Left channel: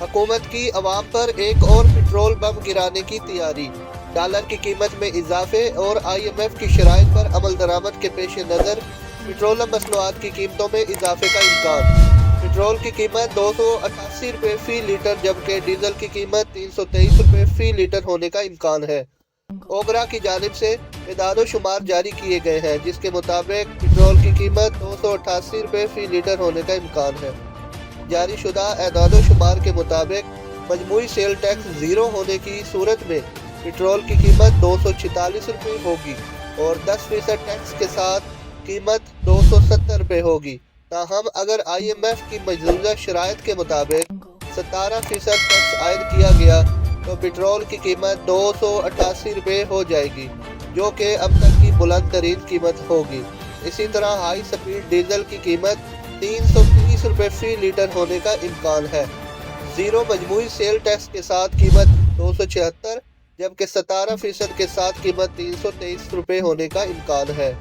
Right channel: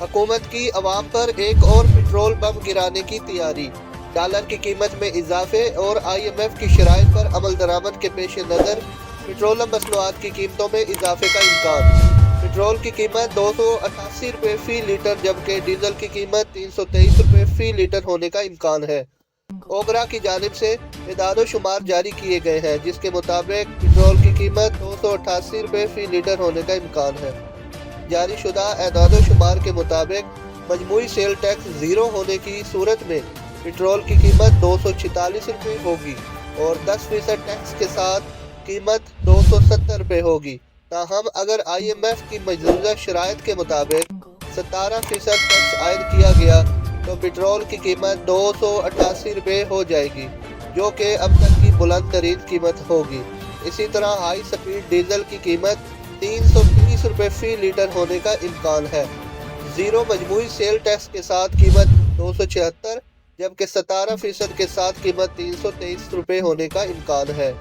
हुकूमत की अवाम पर एक और पेट्रोल बम गिराने की तैयारी। डॉलर की कीमत में इजाफे और IMF की शराइत पर अमल दरामद के पेश नज़र पेट्रोलियम मसनूआत की कीमतों में इजाफे का इम्कान। पेट्रोल की कीमत 288 रुपये फ़ी लीटर जबकि डीजल की कीमत 323 रुपये फ़ी लीटर होने का इम्कान है। ओगरा की जानिब से इदाद शुमार जारी किए गए हैं जिसके मुताबिक पेट्रोल की कीमत 288 रुपये फ़ी लीटर होने का इम्कान है। जारी शुदा एदाद शुमार के मुताबिक मजमूई सेल टैक्स ज़ीरो होने की सूरत में पेट्रोल की कीमत 246 रुपये होगी और 10% टैक्स के साथ कीमत 270 रुपये होगी। ताहम अगर IMF की मौजूदा शराइत के मुताबिक 17% टैक्स आयद किया गया तो पेट्रोल की कीमत 288 रुपये हो जाएगी, जो कि अब तक की बुलंद तरीन कीमत होगी। इसी तरह हाई स्पीड डीजल की कीमत 330 रुपये फ़ी लीटर होने का इम्कान है। ज़ीरो मजमूई सेल टैक्स के साथ कीमत 276 जबकि 17% के साथ कीमत 323 रुपये होने का इम्कान है।